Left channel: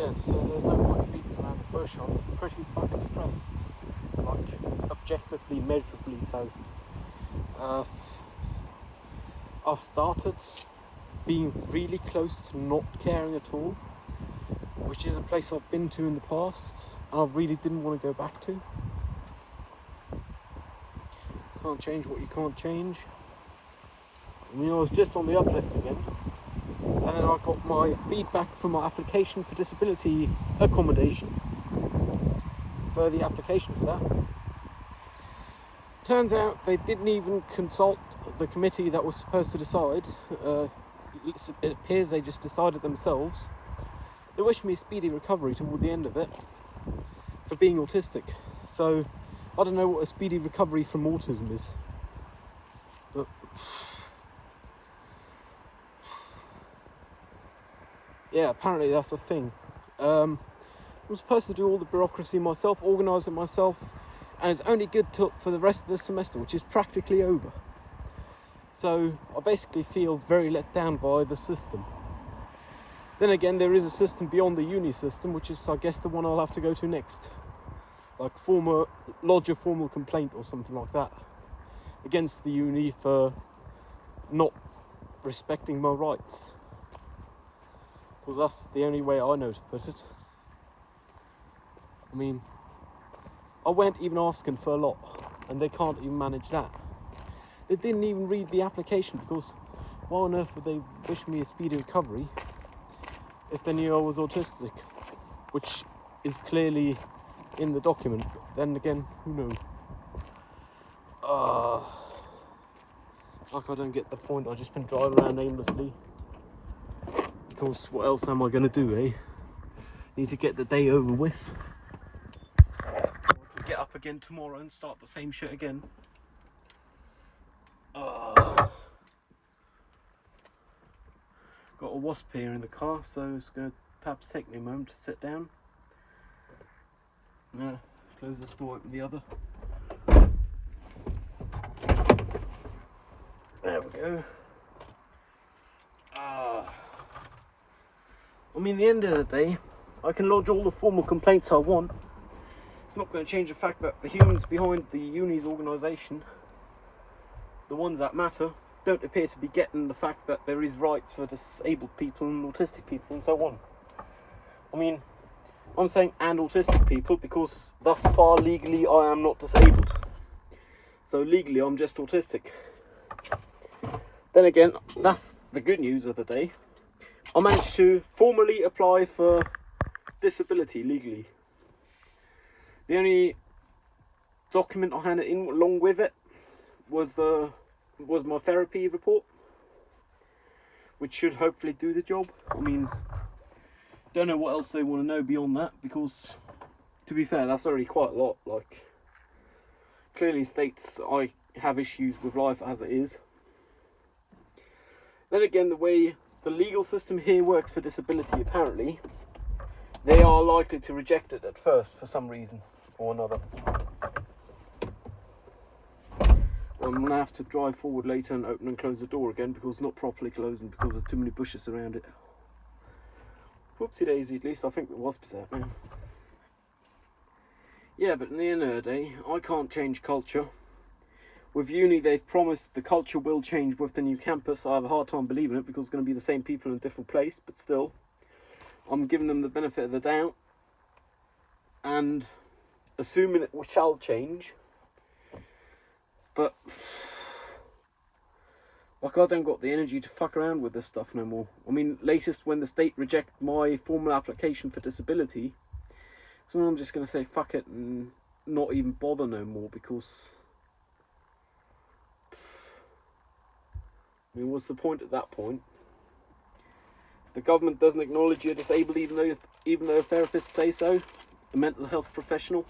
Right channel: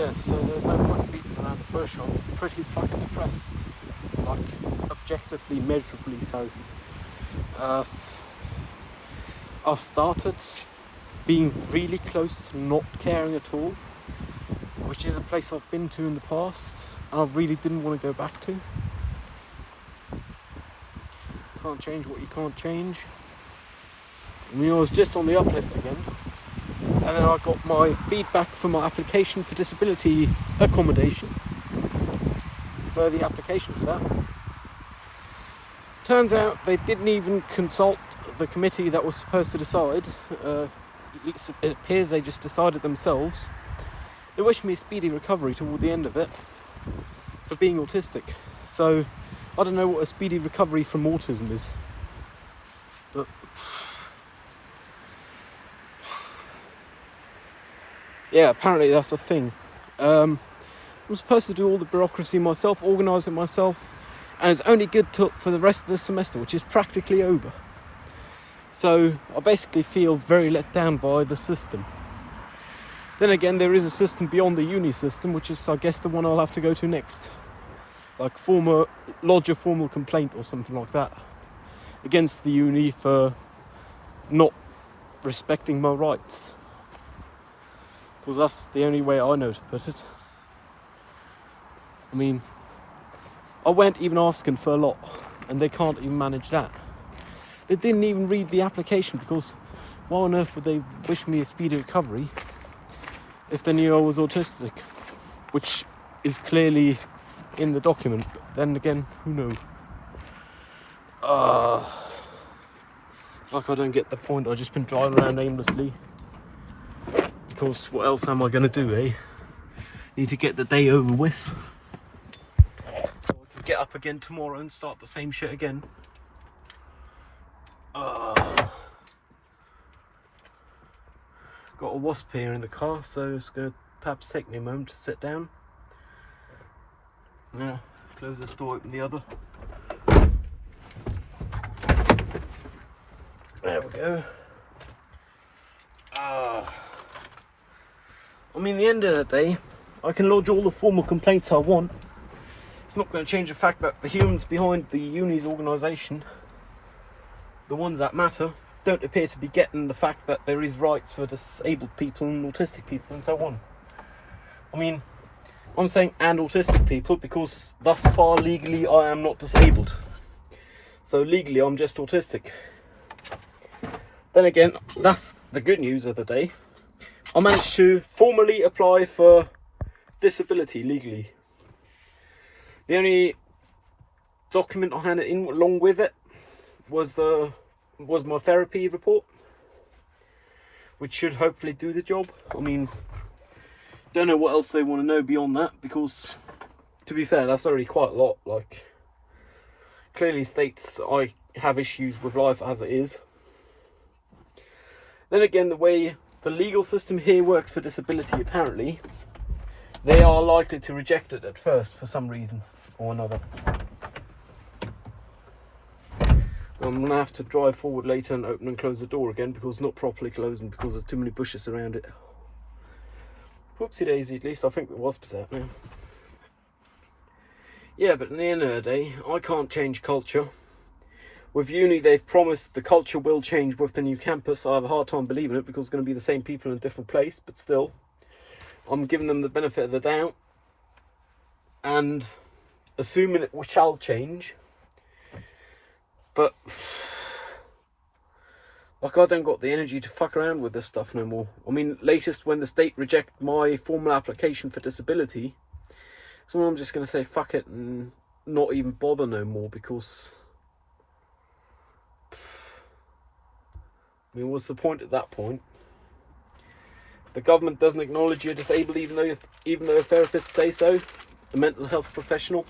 Yeah, so there's no point beating around the bush. I'm pretty fucking depressed, like objectively, measurably so. Uh, I've started being really close to not caring at all, which is a place I've been to in the past and I really didn't want to go back to. Can't change what you can't change. I mean, I was just on the uplift again, and then I got my feedback for my application for disability accommodation, for the application for that. Turns out they didn't even consult the committee that was supposed to decide. It appears they just decided themselves. They wished me a speedy recovery toward the end of it for being autistic. So I don't know what a speedy recovery from autism is. But yeah, apparently that's a thing. I'm supposed to do all the bureaucracy myself, organise it myself, and it's only good for the rest of the semester, which is practically over. So I basically feel very let down by the system. Then again, there is a system beyond the uni system, which is, I guess, the one I'll have to go to next. Like lodge a formal complaint or something like that against the uni for not respecting my rights. Because that's the only way I know to put it. I mean, I went even asking for a lot, and they can't even manage that. They didn't even read the application, because why on earth would they wish me a speedy recovery if they knew I was autistic, which is clearly in the document. But then again, who knows? Like, I don't get the point. I've just been driving around aimlessly, because what else am I going to do, eh? Need to get the day over with, so I can get up again tomorrow and start the same shit again. Got a wasp here in the car, so it's going to perhaps take me a moment to sit down. Now, close this door, open the other. There we go. I mean, at the end of the day, I can lodge all the formal complaints I want. It's not going to change the fact that the humans behind the uni's organisation, the ones that matter, don't appear to be getting the fact that there is rights for disabled people and autistic people and so on. I mean, I'm saying and autistic people because thus far legally I am not disabled. So legally I'm just autistic. Then again, that's the good news of the day. I managed to formally apply for disability legally. The only document I handed in along with it was my therapy report, which should hopefully do the job. I mean, don't know what else they want to know beyond that, because to be fair, that's already quite a lot. Like, clearly states I have issues with life as it is. Then again, the way the legal system here works for disability, apparently, they are likely to reject it at first for some reason or another. I'm going to have to drive forward later and open and close the door again, because it's not properly closed and because there's too many bushes around it. Whoopsie daisy, at least I think the wasp's out now. Yeah, but in the end of the day, I can't change culture. With uni, they've promised the culture will change with the new campus. I have a hard time believing it, because it's going to be the same people in a different place, but still, I'm giving them the benefit of the doubt and assuming it shall change. But like, I don't got the energy to fuck around with this stuff no more. I mean, latest when the state reject my formal application for disability, so I'm just going to say fuck it and not even bother no more, because I mean, what's the point at that point? If the government doesn't acknowledge you're disabled, even though therapists say so, a mental health professional,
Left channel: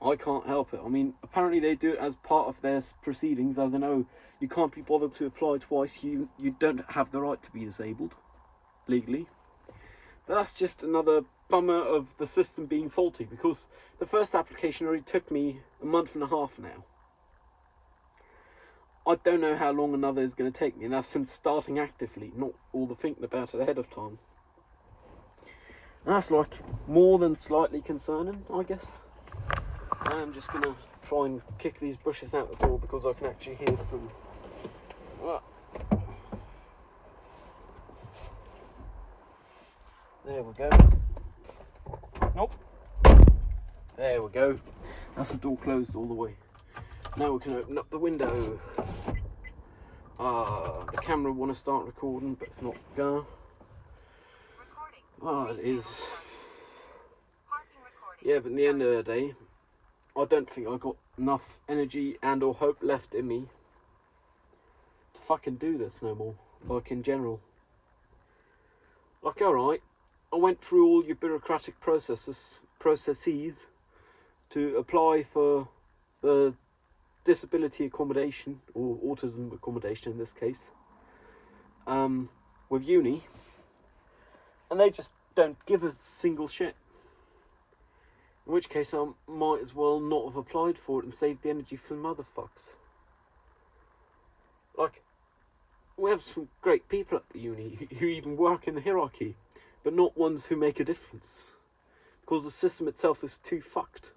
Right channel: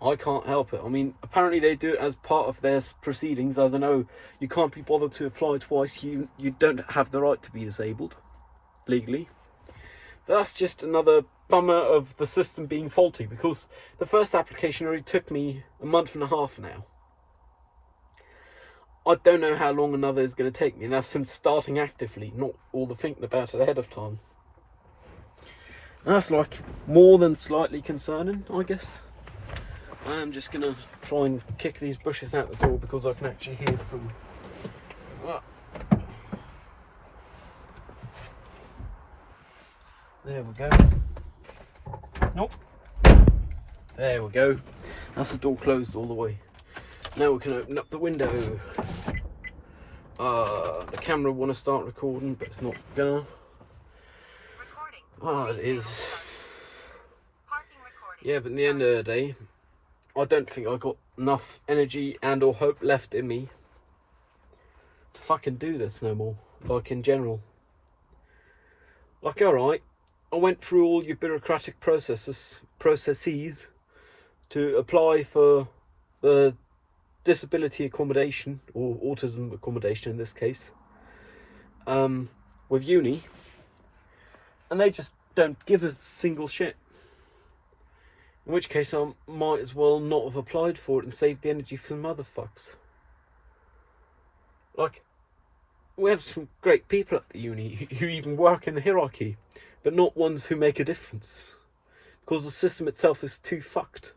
I can't help it. I mean, apparently they do it as part of their proceedings. As I know, you can't be bothered to apply twice. You don't have the right to be disabled legally. But that's just another bummer of the system being faulty, because the first application already took me a month and a half now. I don't know how long another is going to take me, and that's since starting actively, not all the thinking about it ahead of time. And that's like more than slightly concerning, I guess. I'm just gonna try and kick these bushes out the door because I can actually hear them. There we go. Nope. There we go. That's the door closed all the way. Now we can open up the window. The camera want to start recording, but it's not gonna. It is. Yeah, but in the end of the day, I don't think I got enough energy and or hope left in me to fucking do this no more. Like in general. Like, alright, I went through all your bureaucratic processes to apply for the disability accommodation, or autism accommodation in this case, with uni, and they just don't give a single shit. In which case I might as well not have applied for it and saved the energy for some other fucks. Like, we have some great people at the uni who even work in the hierarchy, but not ones who make a difference. Because the system itself is too fucked.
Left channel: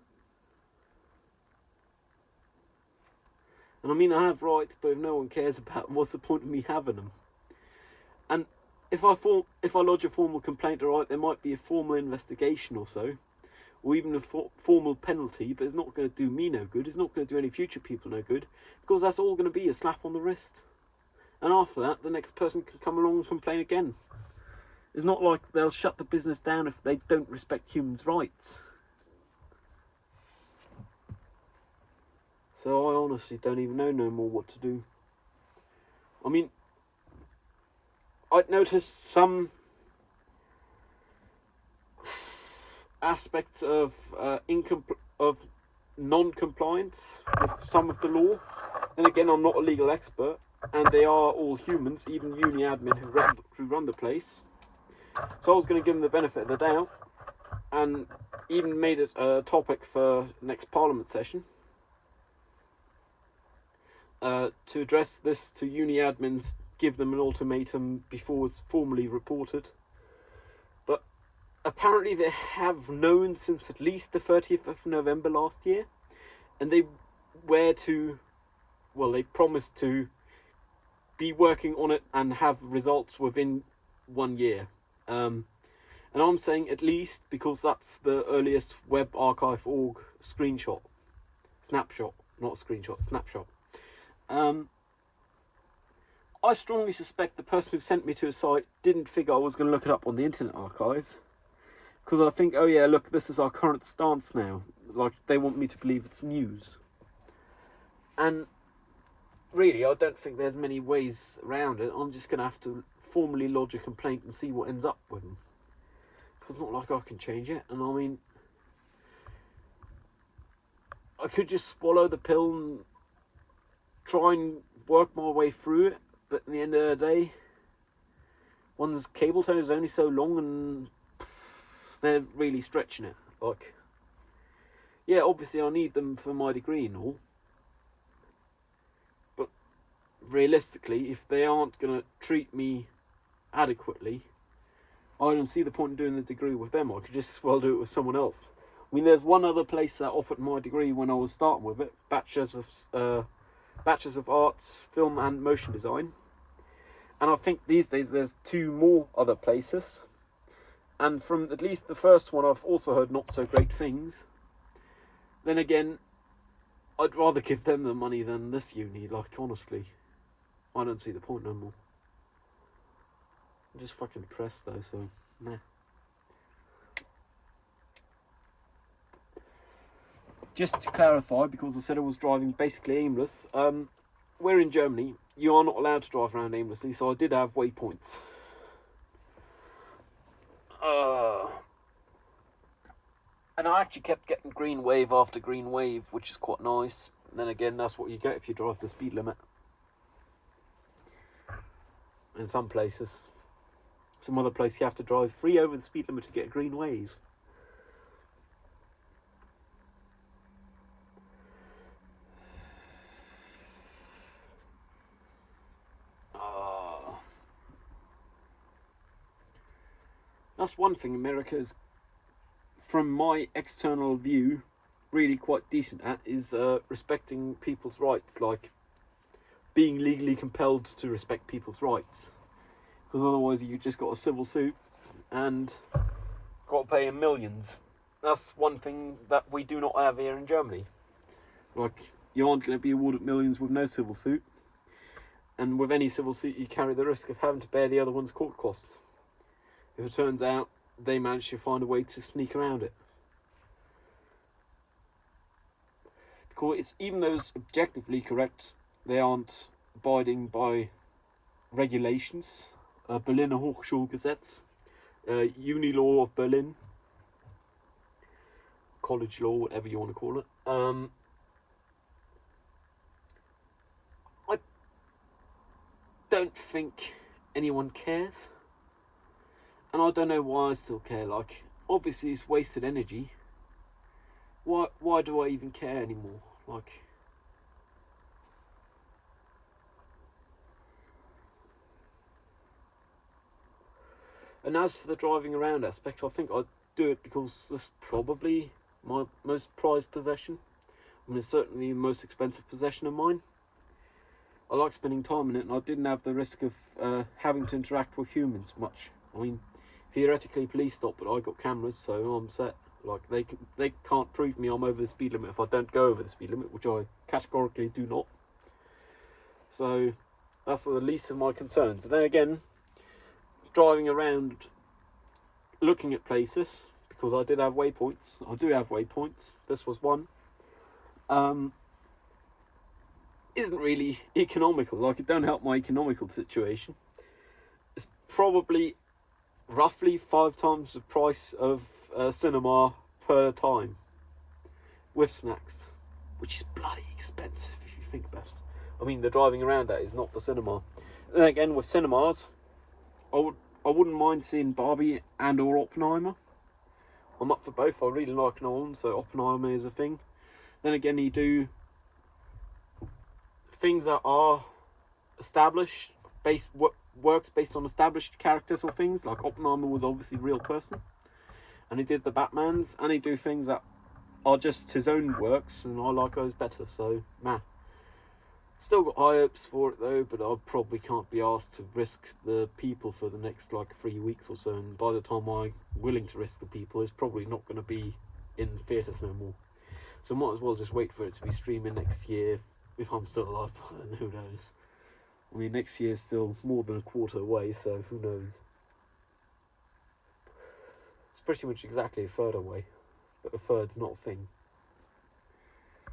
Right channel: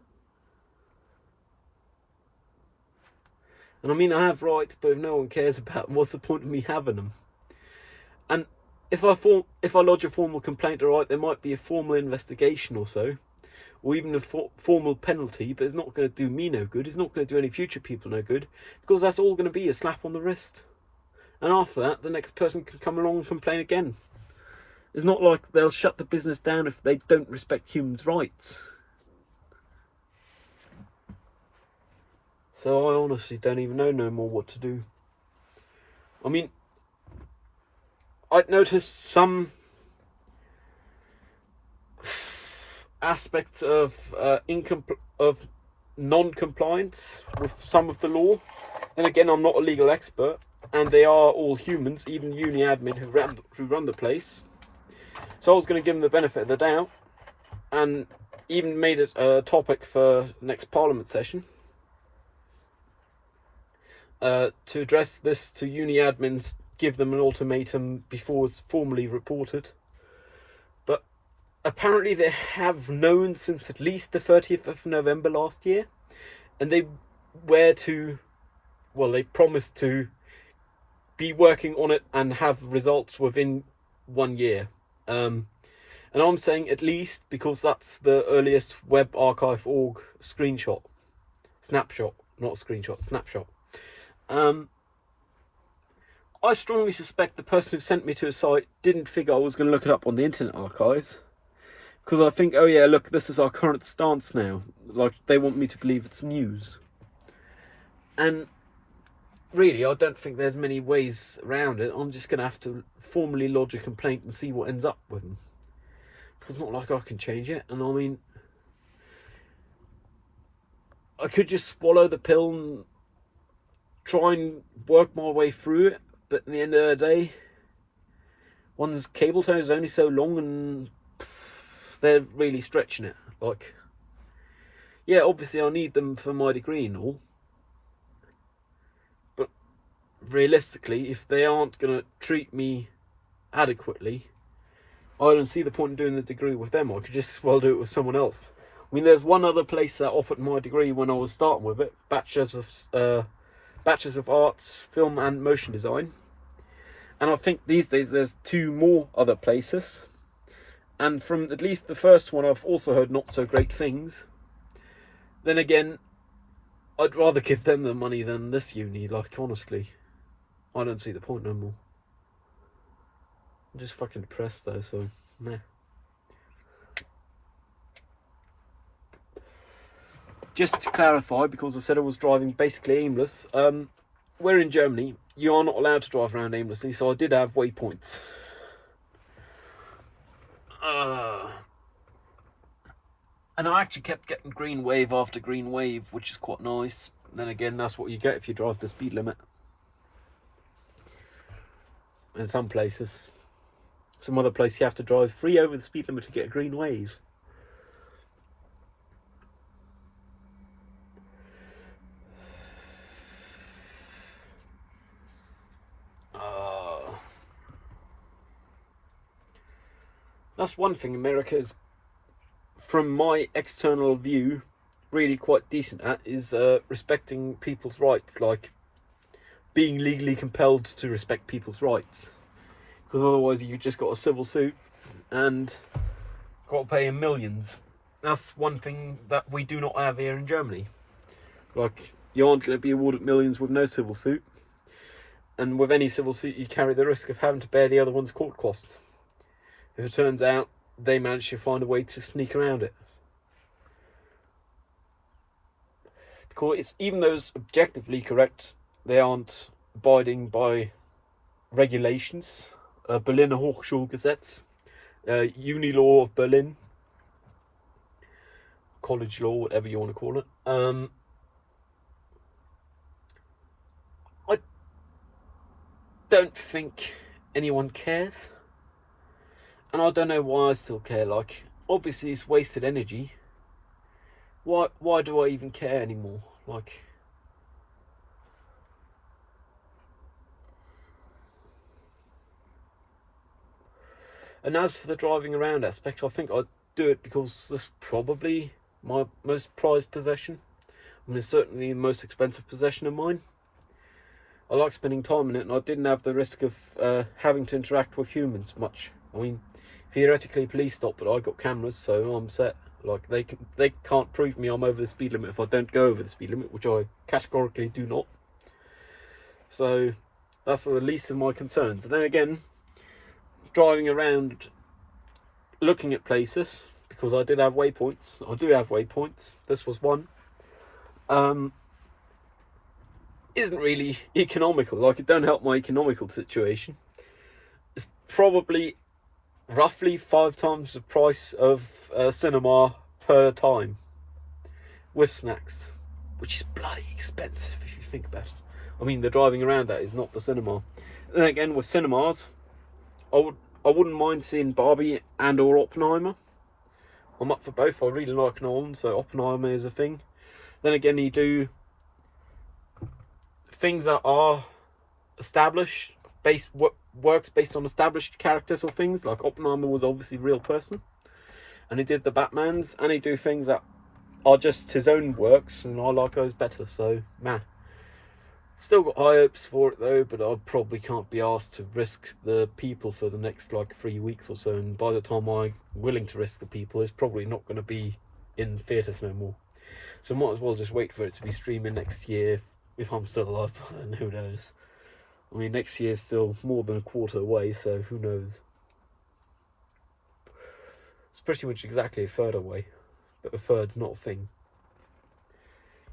And I mean, I have rights, but if no one cares about them, what's the point of me having them? And if I lodge a formal complaint, alright, there might be a formal investigation or so, or even a formal penalty, but it's not going to do me no good. It's not going to do any future people no good, because that's all going to be a slap on the wrist. And after that, the next person can come along and complain again. It's not like they'll shut the business down if they don't respect humans' rights. So I honestly don't even know no more what to do. I mean, I'd noticed some aspects of non-compliance with some of the law. And again, I'm not a legal expert, and they are all humans, even uni admin who run the place. So I was going to give them the benefit of the doubt, and even made it a topic for next Parliament session. To address this to uni admins, give them an ultimatum before it's formally reported. But apparently they have known since at least the 30th of November last year, and they promised to be working on it and have results within 1 year. And I'm saying at least because that's the earliest WebArchive.org snapshot. I strongly suspect the person who sent me to a site didn't figure I was going to look it up on the Internet Archives. Because I think, oh yeah, look, this is our current stance now. Like, they want me to believe it's news. And really, I don't think there's many ways around it. I'm just going to have to formally lodge a complaint and see what ends up with them. Because it's not like I can change it. And I mean, I could just swallow the pill and try and work my way through it. But in the end of the day, one's cable tie is only so long, and they're really stretching it. Like, yeah, obviously I need them for my degree and all, but realistically, if they aren't going to treat me adequately, I don't see the point in doing the degree with them. I could just as well do it with someone else. I mean, there's one other place that offered my degree when I was starting with it, Bachelors of Arts, Film and Motion Design. And I think these days there's 2 more other places. And from at least the first one, I've also heard not so great things. Then again, I'd rather give them the money than this uni, like, honestly. I don't see the point no more. I'm just fucking depressed though, so, meh. Just to clarify, because I said I was driving basically aimless, we're in Germany. You are not allowed to drive around aimlessly, so I did have waypoints. And I actually kept getting green wave after green wave, which is quite nice. Then again, that's what you get if you drive the speed limit. In some places. Some other place you have to drive free over the speed limit to get a green wave. That's one thing America is, from my external view, really quite decent at, is respecting people's rights, like being legally compelled to respect people's rights. Because otherwise you just got a civil suit and got to pay millions. That's one thing that we do not have here in Germany. Like, you aren't going to be awarded millions with no civil suit. And with any civil suit, you carry the risk of having to bear the other one's court costs. If it turns out they manage to find a way to sneak around it. Because it's, even though it's objectively correct, they aren't abiding by regulations. Berliner Hochschulgesetz, Uni Law of Berlin, college law, whatever you want to call it. I don't think anyone cares. And I don't know why I still care. Like, obviously it's wasted energy. Why do I even care anymore? Like, and as for the driving around aspect, I think I'd do it because that's probably my most prized possession. I mean, it's certainly the most expensive possession of mine. I like spending time in it, and I didn't have the risk of having to interact with humans much. I mean, theoretically police stop, but I got cameras, so I'm set. Like, they can't prove me I'm over the speed limit if I don't go over the speed limit, which I categorically do not. So that's the least of my concerns. And then again, driving around looking at places, because I do have waypoints. This was one. Isn't really economical. Like, it don't help my economical situation. It's probably roughly 5 times the price of a cinema per time with snacks, which is bloody expensive if you think about it. I mean, the driving around that is not the cinema. And then again, with cinemas, I wouldn't mind seeing Barbie and or Oppenheimer. I'm up for both. I really like Nolan, so Oppenheimer is a thing. Then again, you do things that are established, works based on established characters or things. Like Oppenheimer was obviously a real person, and he did the Batmans, and he do things that are just his own works, and I like those better. So, man. Still got high hopes for it though, but I probably can't be asked to risk the people for the next like 3 weeks or so, and by the time I'm willing to risk the people, it's probably not going to be in theatres no more. So might as well just wait for it to be streaming next year, if I'm still alive by then, who knows. I mean, next year's still more than a quarter away, so who knows. It's pretty much exactly a third away, but a third's not a thing.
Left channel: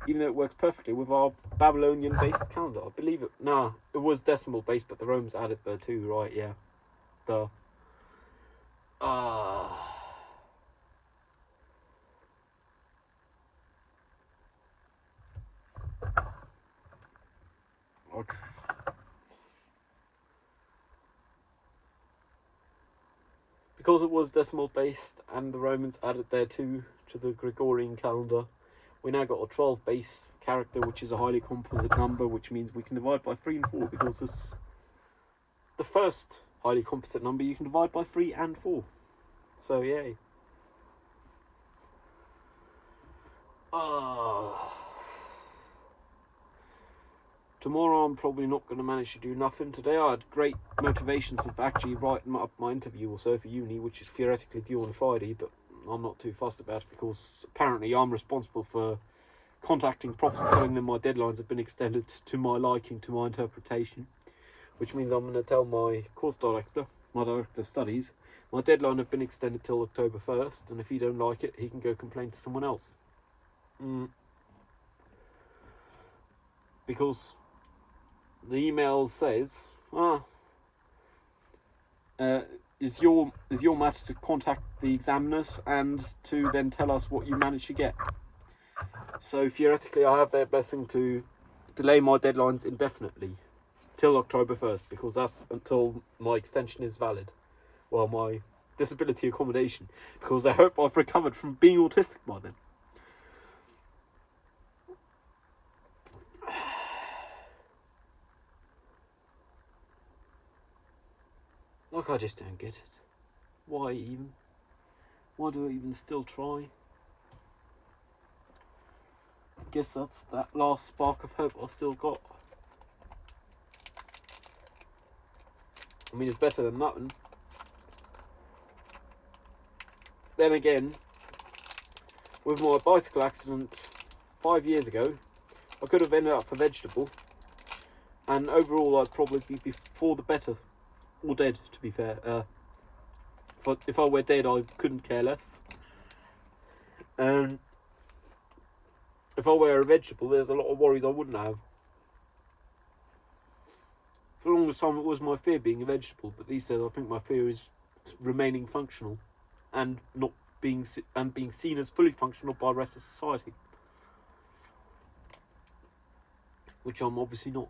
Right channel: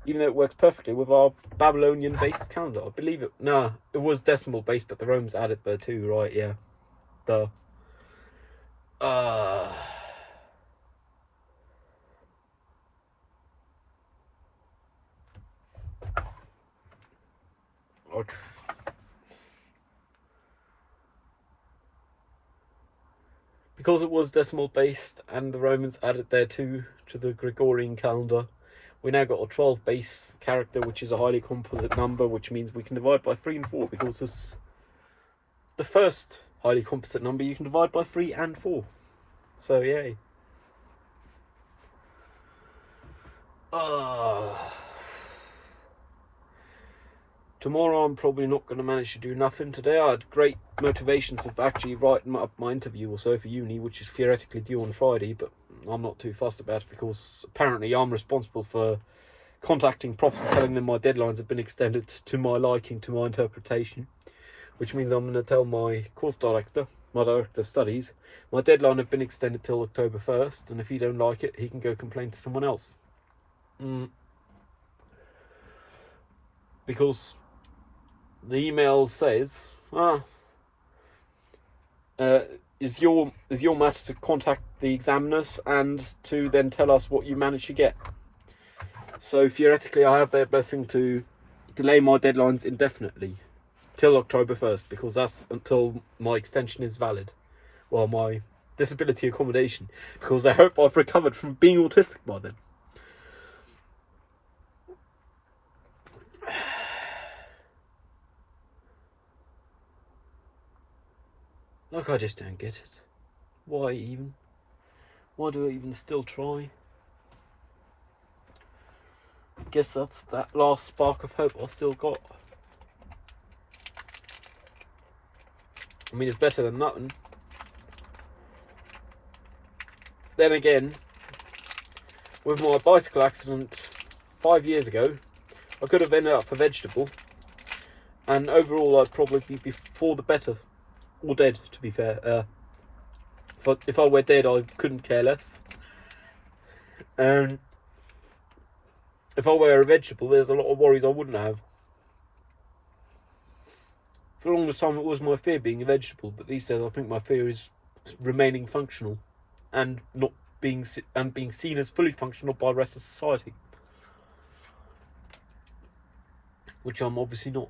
Even though it works perfectly with our Babylonian-based calendar. I believe it. Nah, it was decimal-based, but the Romans added there too, right? Yeah. Duh. Okay. Because it was decimal-based, and the Romans added there too to the Gregorian calendar, we now got a 12 base character, which is a highly composite number, which means we can divide by 3 and 4, because it's the first highly composite number you can divide by 3 and 4. So, yay. Tomorrow I'm probably not going to manage to do nothing. Today I had great motivations of actually writing up my interview or so for uni, which is theoretically due on Friday, but I'm not too fussed about it because apparently I'm responsible for contacting profs and telling them my deadlines have been extended to my liking, to my interpretation, which means I'm going to tell my course director, my director of studies, my deadline have been extended till October 1st, and if he don't like it, he can go complain to someone else. Because the email says, is your matter to contact the examiners and to then tell us what you managed to get. So theoretically I have their blessing to delay my deadlines indefinitely till October 1st, because that's until my extension is valid. Well, my disability accommodation, because I hope I've recovered from being autistic by then. Like, I just don't get it. Why even? Why do I even still try? I guess that's that last spark of hope I still got. I mean, it's better than nothing. Then again, with my bicycle accident 5 years ago, I could have ended up a vegetable, and overall I'd probably be for the better, or dead, to be fair. If I were dead, I couldn't care less. And if I were a vegetable, there's a lot of worries I wouldn't have. For the longest time, it was my fear being a vegetable, but these days I think my fear is remaining functional, and not being seen as fully functional by the rest of society, which I'm obviously not.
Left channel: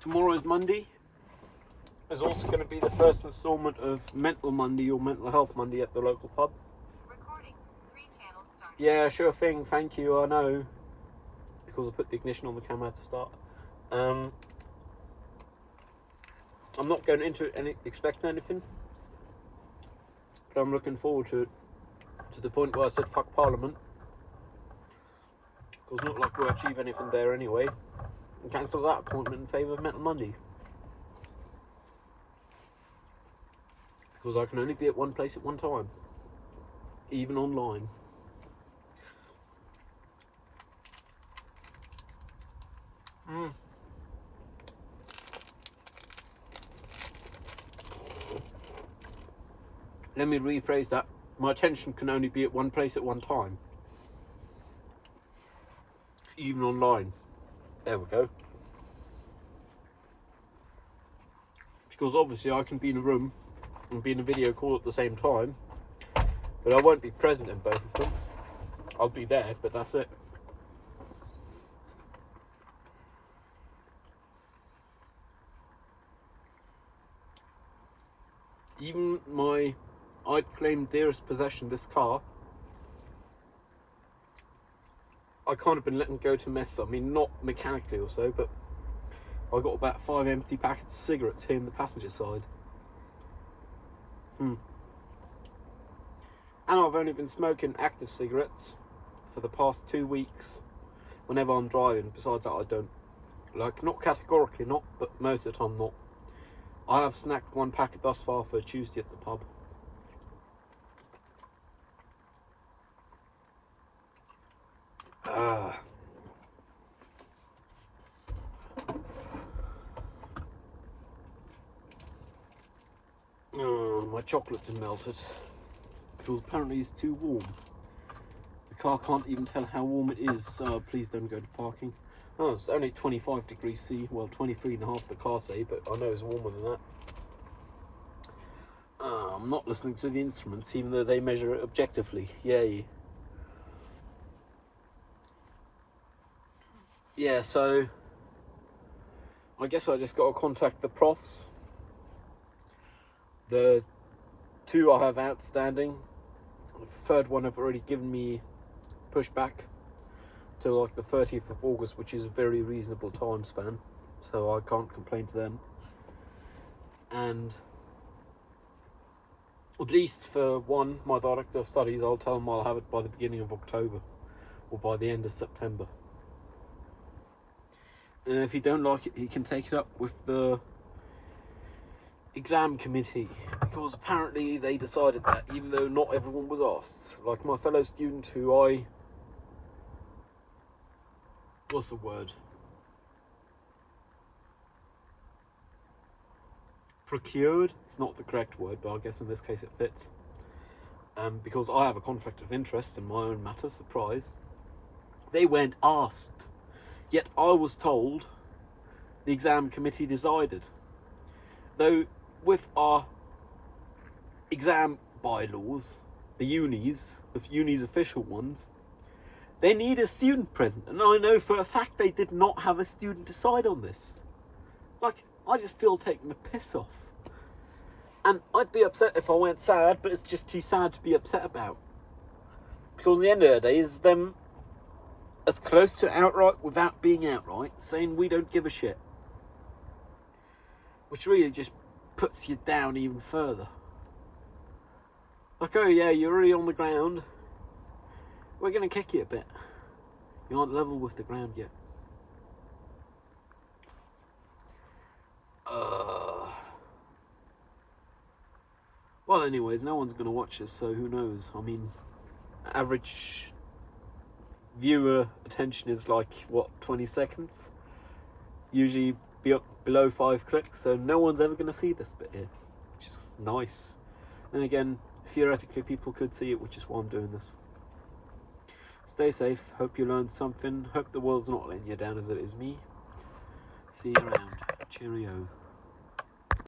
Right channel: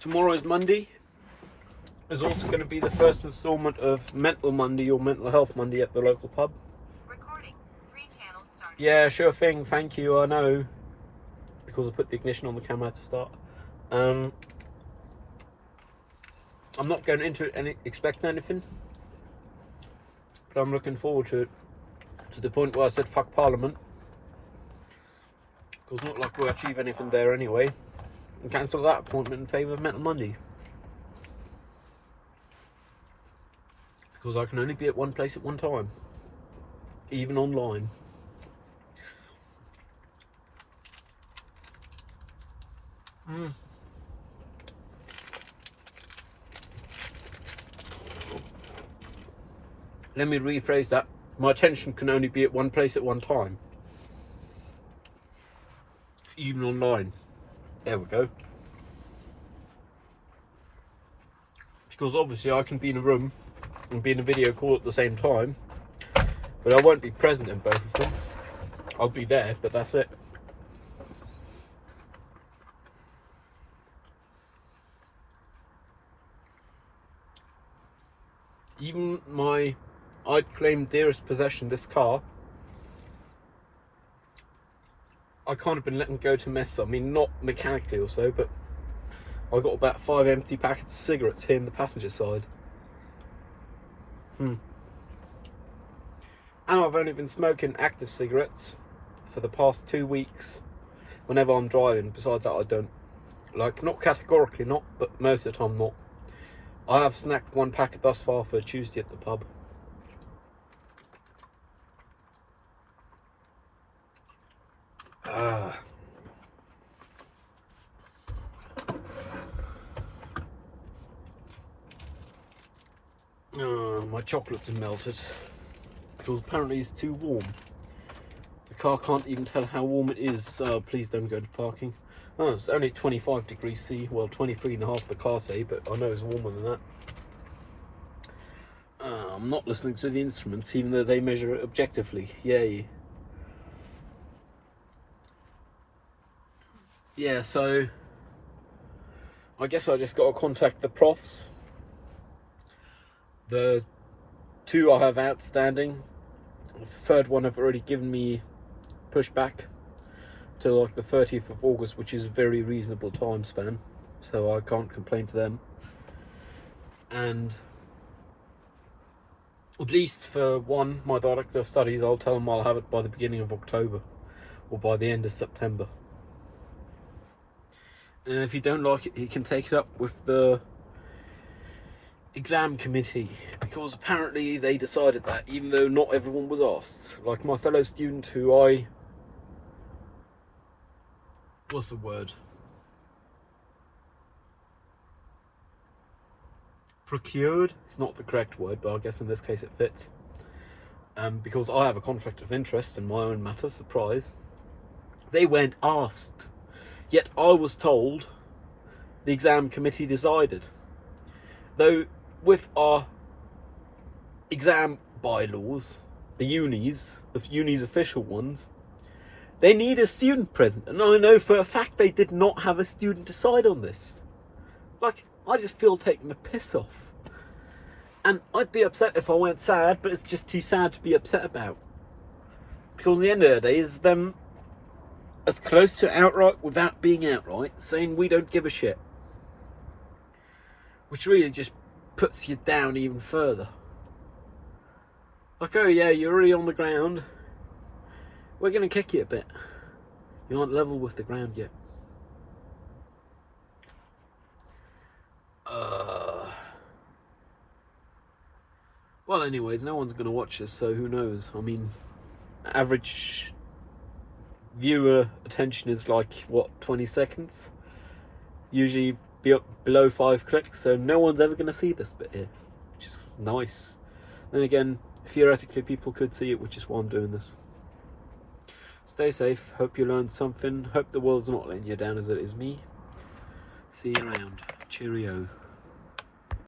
Tomorrow is Monday. There's also going to be the first instalment of Mental Monday or Mental Health Monday at the local pub. Recording. 3 channels starting. Yeah, sure thing. Thank you. I know, because I put the ignition on the camera to start. I'm not going into it expecting anything, but I'm looking forward to it, to the point where I said fuck Parliament, because not like we'll achieve anything there anyway, and cancel that appointment in favour of Mental Monday, because I can only be at one place at one time, even online. Let me rephrase that. My attention can only be at one place at one time, even online. There we go. Because obviously I can be in a room and be in a video call at the same time, but I won't be present in both of them. I'll be there, but that's it. Even my, I'd claim dearest possession, this car, I kind of been letting go to mess. I mean, not mechanically or so, but I've got about 5 empty packets of cigarettes here in the passenger side. And I've only been smoking active cigarettes for the past 2 weeks whenever I'm driving. Besides that, I don't. Like, not categorically not, but most of the time not. I have snacked 1 packet thus far for Tuesday at the pub. My chocolates are melted because apparently it's too warm. The car can't even tell how warm it is, so please don't go to parking. Oh, it's only 25 degrees C, well 23.5 the car say, but I know it's warmer than that. I'm not listening to the instruments, even though they measure it objectively. Yay. Yeah, so I guess I just got to contact the profs. The 2 I have outstanding. The 3rd one have already given me pushback to like the 30th of August, which is a very reasonable time span, so I can't complain to them. And at least for one, my director of studies, I'll tell him I'll have it by the beginning of October or by the end of September. And if he don't like it, he can take it up with the exam committee, because apparently they decided that, even though not everyone was asked. Like my fellow student who what's the word? Procured? It's not the correct word, but I guess in this case it fits. Because I have a conflict of interest in my own matter, surprise. They weren't asked. Yet I was told the exam committee decided. Though with our exam bylaws, the unis official ones, they need a student present, and I know for a fact they did not have a student decide on this. Like, I just feel taking the piss off. And I'd be upset if I weren't sad, but it's just too sad to be upset about. Because at the end of the day is them as close to outright without being outright saying we don't give a shit. which really just puts you down even further. Like, oh yeah, you're already on the ground, we're going to kick you a bit. You aren't level with the ground yet. Well, anyways, no one's going to watch this, so who knows? I mean, average viewer attention is like, what, 20 seconds? Usually be up below 5 clicks, so no one's ever going to see this bit here, which is nice. Then again, theoretically people could see it, which is why I'm doing this. Stay safe, hope you learned something, hope the world's not letting you down as it is me. See you around. Cheerio.